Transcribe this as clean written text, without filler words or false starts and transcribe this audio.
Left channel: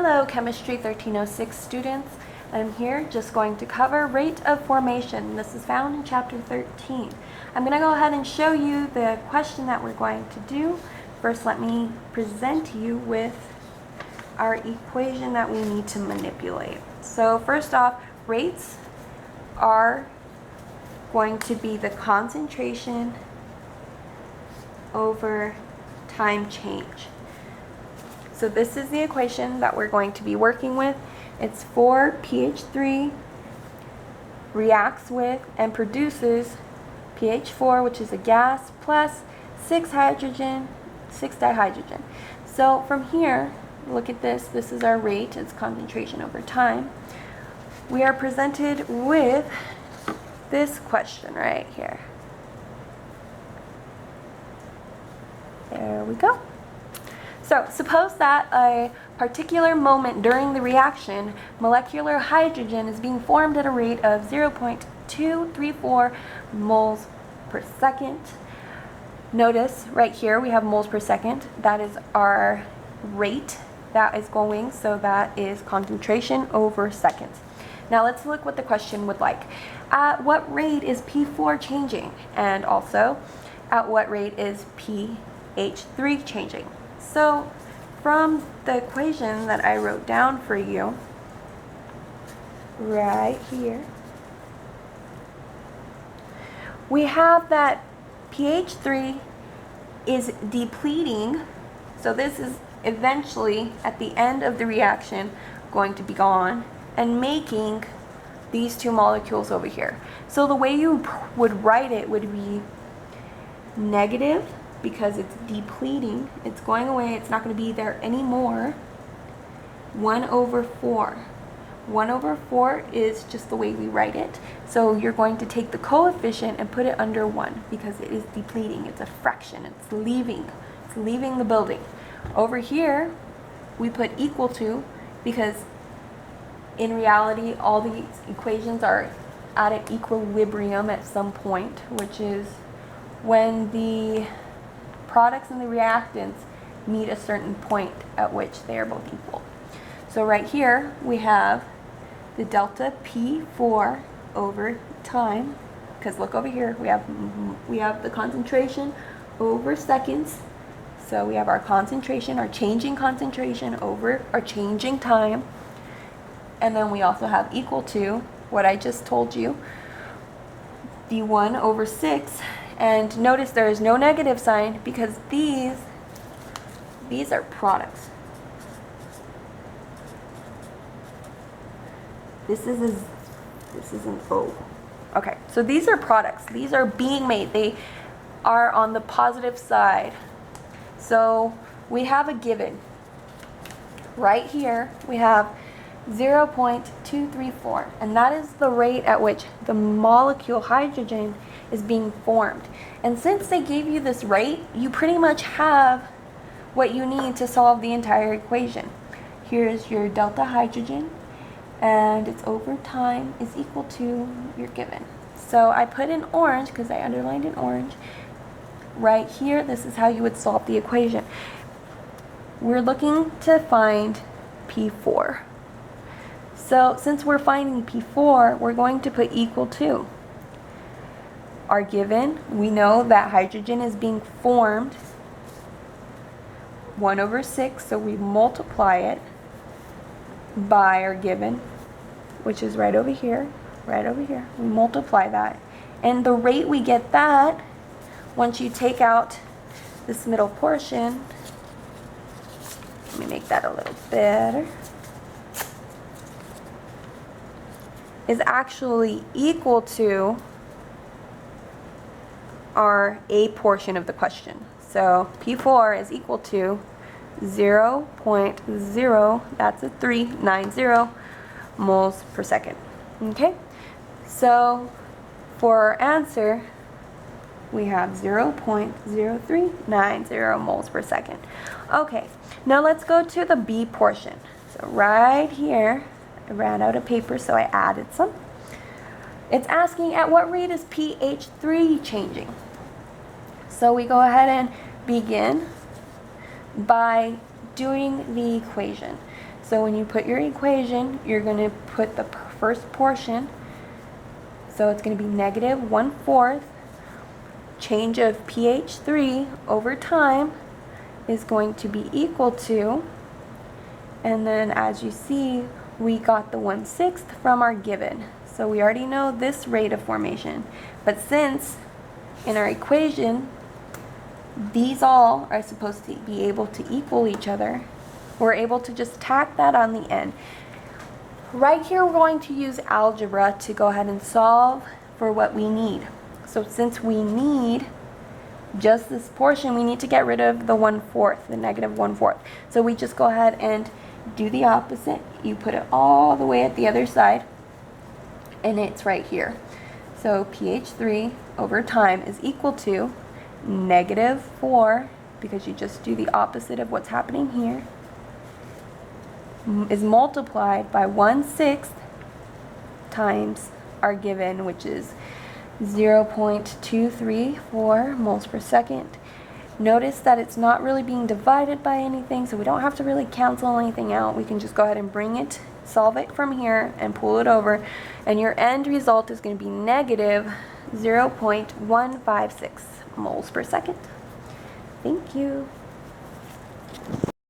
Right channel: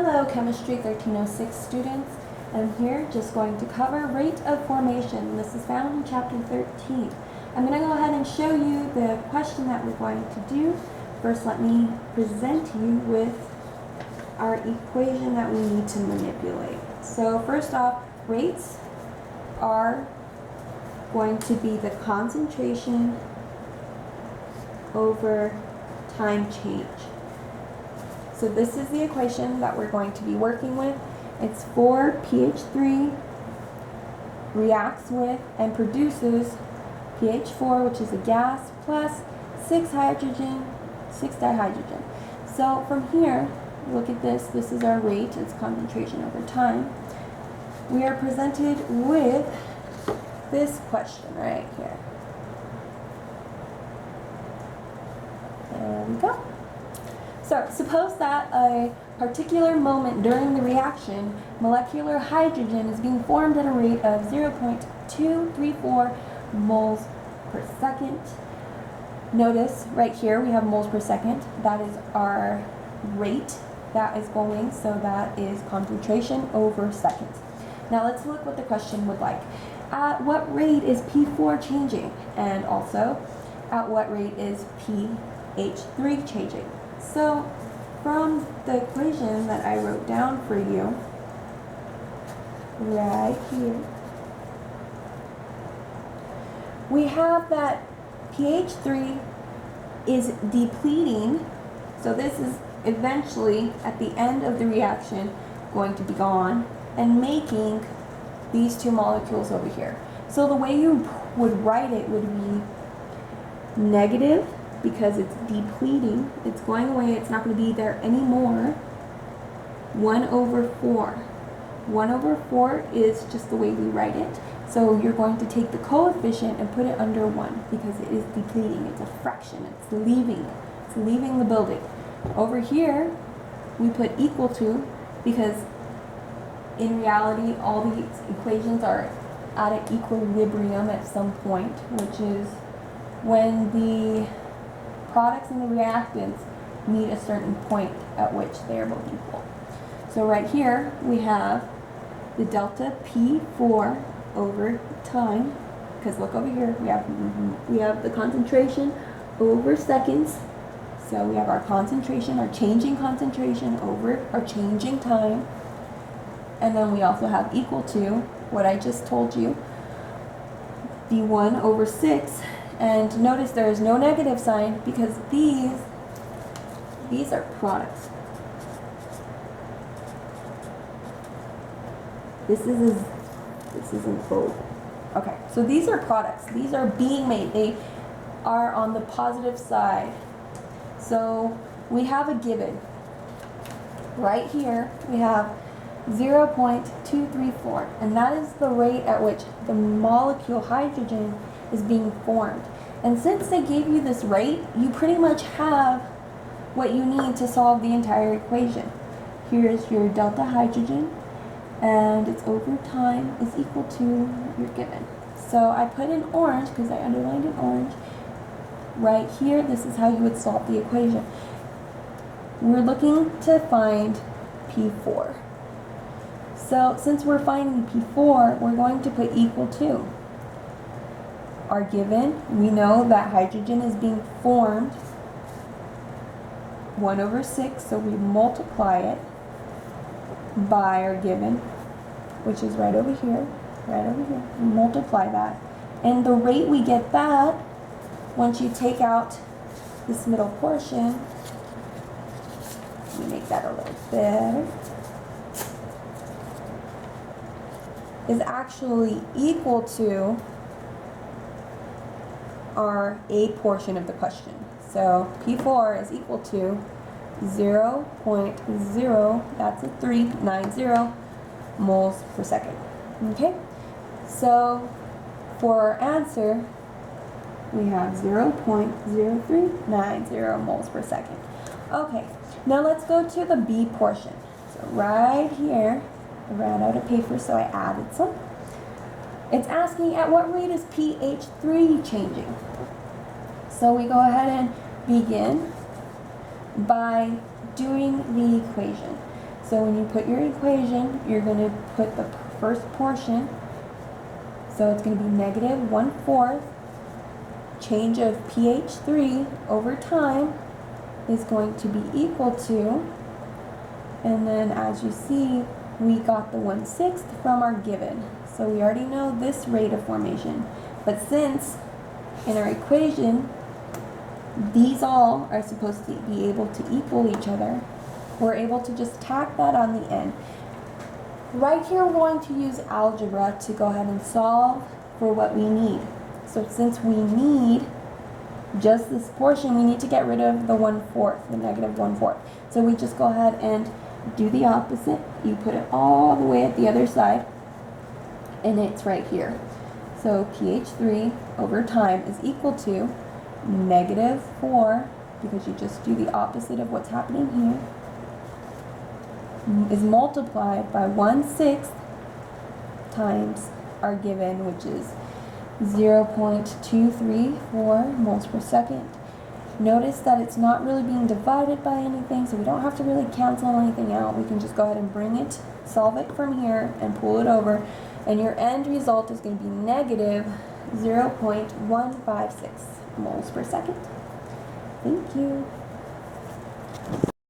Hello, Chemistry 1306 students. I'm here just going to cover rate of formation. This is found in chapter 13. I'm going to go ahead and show you the question that we're going to do. First, let me present you with our equation that we need to manipulate. So first off, rates are going to be the concentration over time change. So this is the equation that we're going to be working with. It's 4pH3 reacts with and produces pH4, which is a gas, plus 6 dihydrogen. So from here, look at this. This is our rate. It's concentration over time. We are presented with this question right here. There we go. So suppose that a particular moment during the reaction, molecular hydrogen is being formed at a rate of 0.234 moles per second. Notice right here we have moles per second. That is our rate that is going, so that is concentration over seconds. Now let's look what the question would like. At what rate is P4 changing? And also, at what rate is pH3 changing? So from the equation that I wrote down for you right here, we have that pH3 is depleting. So this is eventually at the end of the reaction going to be gone and making these two molecules over here. So the way you would write it would be negative, because it's depleting, it's going away, it's not going to be there anymore, 1/4. 1/4 is just the way we write it. So you're going to take the coefficient and put it under 1 because it is depleting. It's a fraction. It's leaving the building. Over here, we put equal to, because in reality, all these equations are at an equilibrium at some point, which is when the products and the reactants meet a certain point at which they are both equal. So right here we have the delta P4 over time, because look over here, we have the concentration over seconds. So we have our concentration, our changing concentration over our changing time. And then we also have equal to what I just told you, the 1/6. And notice there is no negative sign because these are products. This isn't O. Okay, so these are products. These are being made. They are on the positive side. So we have a given. Right here we have 0.234, and that is the rate at which the molecule hydrogen is being formed. And since they gave you this rate, you pretty much have what you need to solve the entire equation. Here's your delta hydrogen, and it's over time is equal to your given. So I put in orange because I underlined in orange. Right here, this is how you would solve the equation. We're looking to find P4. So since we're finding P4, we're going to put equal to our given. We know that hydrogen is being formed 1/6, so we multiply it by our given, which is right over here, We multiply that. And the rate we get that, once you take out this middle portion, let me make that a little better, is actually equal to our A portion of the question. So P4 is equal to 0.0, that's a 390 moles per second. Okay, so for our answer, we have 0.0390 moles per second. Okay, now let's go to the B portion. So right here, I ran out of paper, so I added some. It's asking at what rate is pH3 changing? So we go ahead and begin by doing the equation. So when you put your equation, you're going to put the first portion. So it's going to be negative 1/4. Change of pH 3 over time is going to be equal to, and then as you see, we got the 1/6 from our given. So we already know this rate of formation. But since in our equation, these all are supposed to be able to equal each other, we're able to just tack that on the end. Right here, we're going to use algebra to go ahead and solve for what we need. So since we need just this portion, we need to get rid of the 1/4, the negative 1/4. So we just go ahead and do the opposite. You put it all the way at the other side, and it's right here. So pH 3 over time is equal to negative 4, because you just do the opposite of what's happening here, is multiplied by 1/6 times our given, which is 0.234 moles per second. Notice that it's not really being divided by anything, so we don't have to really cancel anything out. We can just go ahead and bring it, solve it from here, and pull it over, and your end result is going to be negative 0.156 moles per second. Thank you.